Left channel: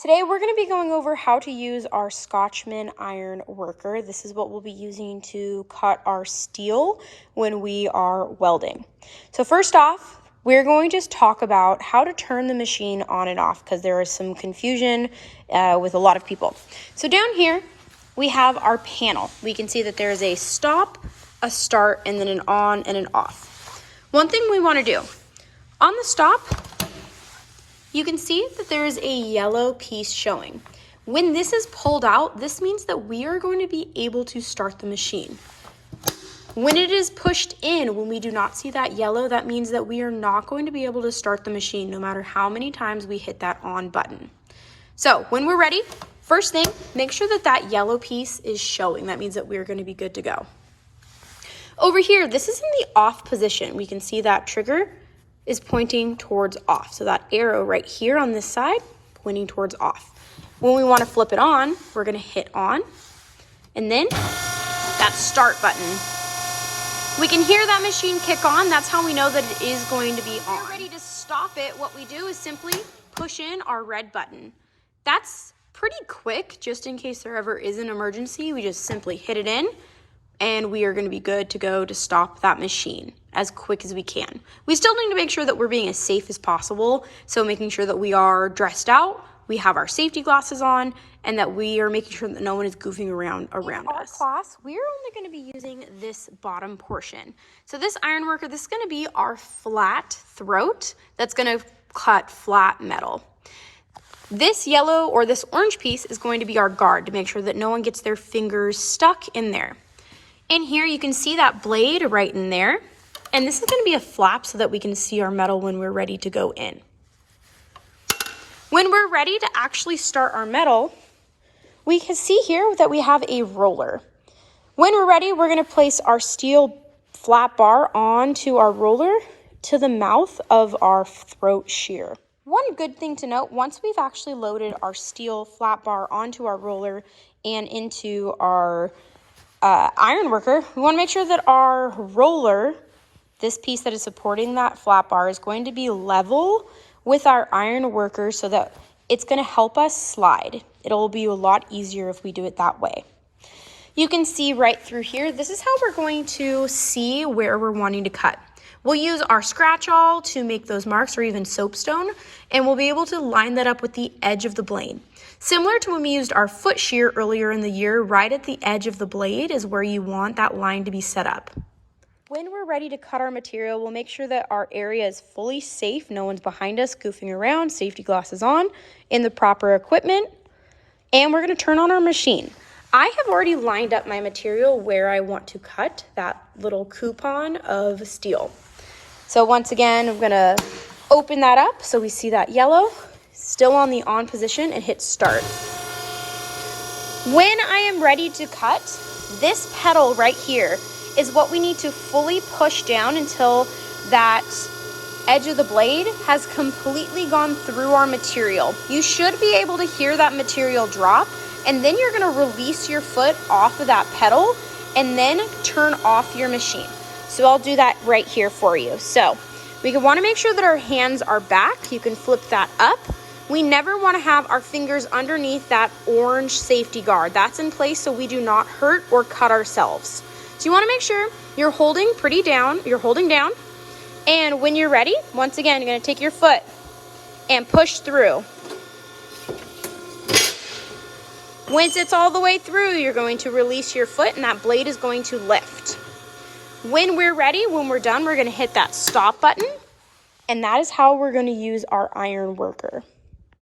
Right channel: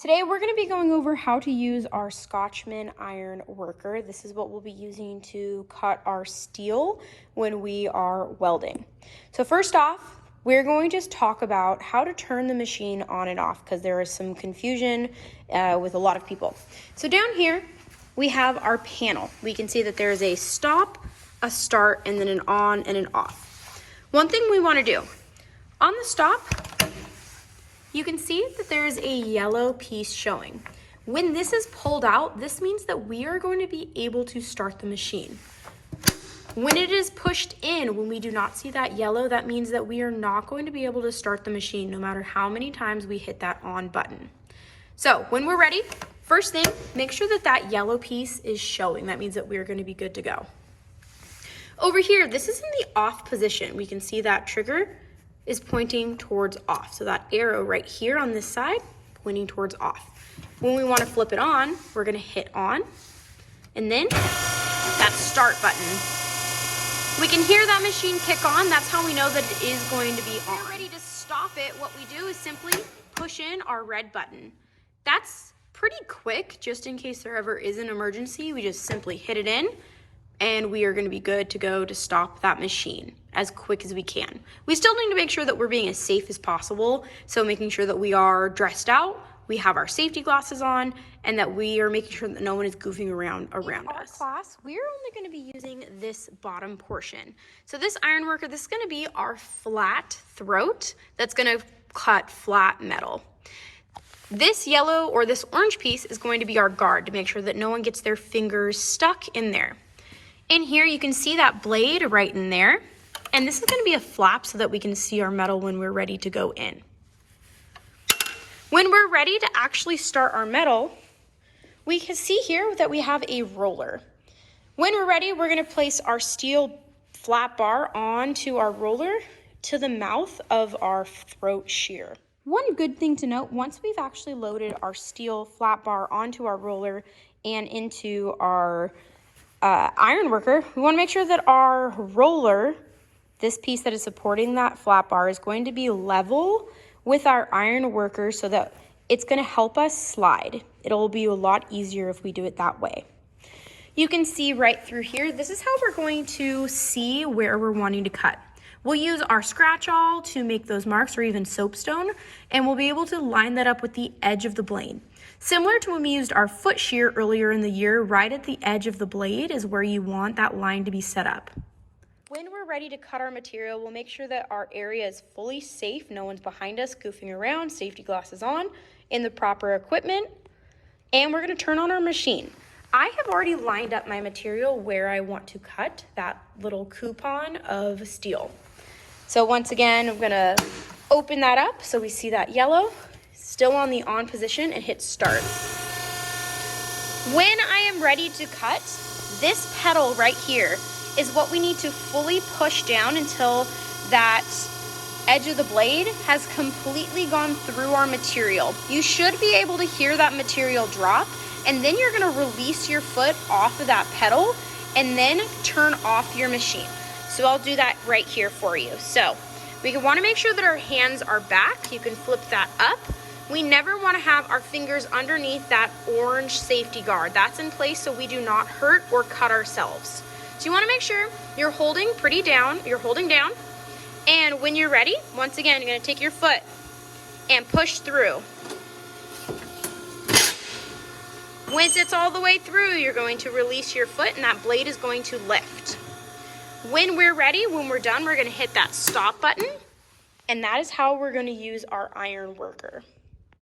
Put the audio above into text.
Today we're going to be going over how to use our Scotchman iron worker. This is what we'll be using to cut our steel when we are welding. So first off, we're going to just talk about how to turn the machine on and off because there is some confusion with a lot of people. So down here we have our panel. We can see that there is a stop, a start, and then an on and an off. One thing we want to do, on the stop, you can see that there is a yellow piece showing. When this is pulled out, this means that we are going to be able to start the machine. When it is pushed in, when we do not see that yellow, that means that we are not going to be able to start the machine no matter how many times we hit that on button. So when we're ready, first thing, make sure that that yellow piece is showing. That means that we're going to be good to go. Over here, this is in the off position. We can see that trigger is pointing towards off. So that arrow right here on this side, pointing towards off. When we want to flip it on, we're going to hit on, and then that start button. We can hear that machine kick on. That's how we know that it is going to be on. When we're ready to stop it, what we do is simply push in our red button. That's pretty quick, just in case there ever is an emergency. We just simply hit it in, and we are going to be good to go to stop that machine as quick as we can. We still need to make sure that we're being as safe as possible, so making sure that we are dressed out, we have our safety glasses on, and that we are making sure that no one is goofing around us. In our class, we're only going to be using this bottom portion. So this iron worker, this is going to be our flat throat that's going to cut flat metal. This yellow or this orange piece is going to be our guard to make sure that no one gets their fingers stuck in there. In here, you can see that blade right in there. And this is going to be a flap so that we can see our metal when we're ready to go in. When we're ready to actually start our metal, we can see here that we have a roller. When we're ready, we're going to place our steel flat bar onto our roller to the mouth of our throat shear. One good thing to note, once we've actually loaded our steel flat bar onto our roller and into our iron worker, we want to make sure that our roller, this piece that is supporting that flat bar, is going to be level with our iron worker so that it's going to help us slide. It'll be a lot easier if we do it that way. You can see right through here, this is how we're going to see where we're wanting to cut. We'll use our scratch awl to make those marks, or even soapstone, and we'll be able to line that up with the edge of the blade. Similar to when we used our foot shear earlier in the year, right at the edge of the blade is where you want that line to be set up. When we're ready to cut our material, we'll make sure that our area is fully safe. No one's behind us goofing around, safety glasses on, in the proper equipment, and we're going to turn on our machine. I have already lined up my material where I want to cut that little coupon of steel. So once again, I'm going to open that up so we see that yellow, still on the on position, and hit start. When I am ready to cut, this pedal right here is what we need to fully push down until that edge of the blade has completely gone through our material. You should be able to hear that material drop, and then you're going to release your foot off of that pedal and then turn off your machine. So I'll do that right here for you. So we want to make sure that our hands are back. You can flip that up. We never want to have our fingers underneath that orange safety guard. That's in place so we do not hurt or cut ourselves. So you want to make sure you're holding pretty down, and when you're ready, once again, you're going to take your foot and push through. Once it's all the way through, you're going to release your foot and that blade is going to lift. When we're ready, when we're done, we're going to hit that stop button, and that is how we're going to use our iron worker.